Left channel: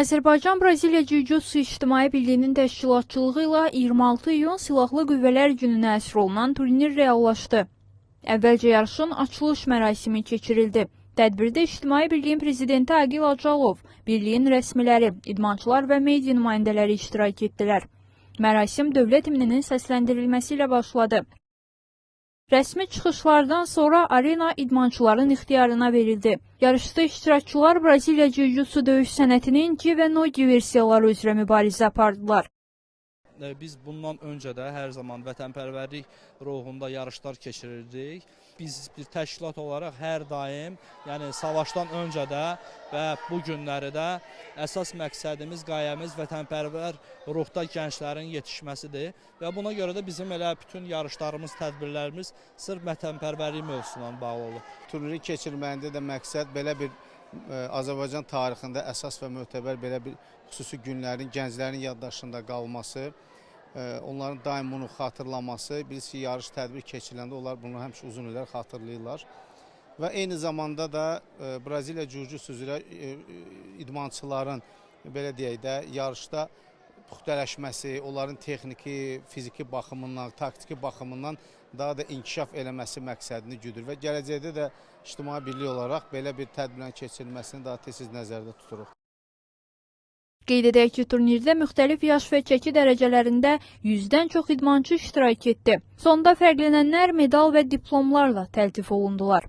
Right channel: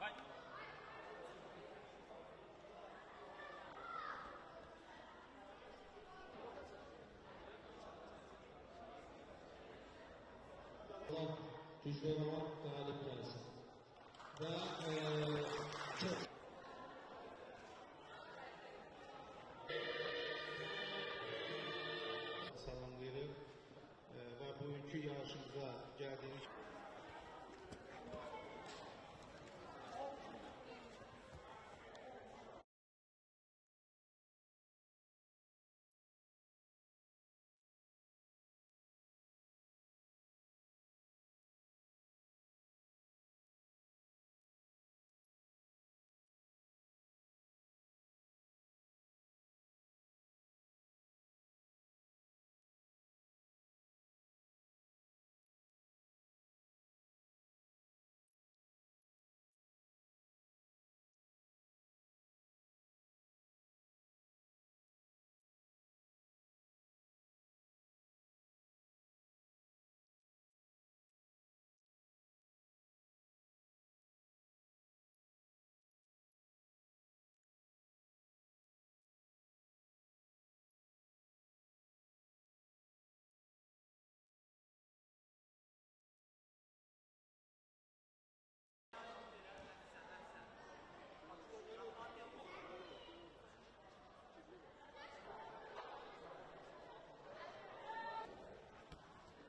Azərbaycan-Braziliya Jiu-Jitsu İctimai Birliyinin təşkilatçılığı ilə 26 iyun Silahlı Qüvvələr Gününə əsr olunan turnir reallaşdı. Əvvəlcə yarışın açılış mərasimi keçirildi. Tədbirdə İctimai Birliyin Prezidenti Agil Acalov, Birliyin rəsmiləri, idmançılar və media nümayəndələri iştirak etdilər. Mərasim dövlət himninin səsləndirilməsi ilə başladı. Rəsmi çıxışlardan sonra arena idmançıların ixtiyarına verildi. Yarışda iştirakçılar Braziliya Jiu-Jitsu döyüş sənətinin G və No-Gi versiyaları üzrə mübarizə apardılar. Biz bundan öncə də hər zaman vətənpərvərlik ruhunda yarışlar keçirirdik. Biz bir təşkilat olaraq hər daim, yəni savaşdan öncə də və bu günləri də əsas məqsədimiz, qayəmiz vətənpərvər ruhda gənclərin yetişməsidir. Və buna görə də bizim elə bütün yarışlarımız, tədbirlərimiz sırf vətənpərvərlik mövzusuna bağlı olur. Turniri keçirməyində də məqsəd belə bir Azərbaycan tarixində əsas və mötəbər belə bir xüsusi günlərin gənclərin yaddaşında qalması, onların daim bunu xatırlaması, bilirsiniz ki, yarış tədbir keçiriləndə onlar bunu həmişə uzun illər xatırlayırlar. Və eyni zamanda da Braziliya Jiu-Jitsu üzrə idmançıların, belə deyək də, yarışda puxtələşməsi, onların texniki, fiziki baxımından, taktiki baxımından daha da inkişaf eləməsi məqsədini güdür və gələcəkdə də İctimai Birlik olaraq belə bir tədbirin keçirilməsini daha tez nəzərdə tuturuq. Qeyd edək ki, turnirdə müxtəlif yaş və çəki dərəcələrində 100-dən çox idmançı iştirak etdi. Sonda fərqlənənlər medal və diplomlarla təltif olundular.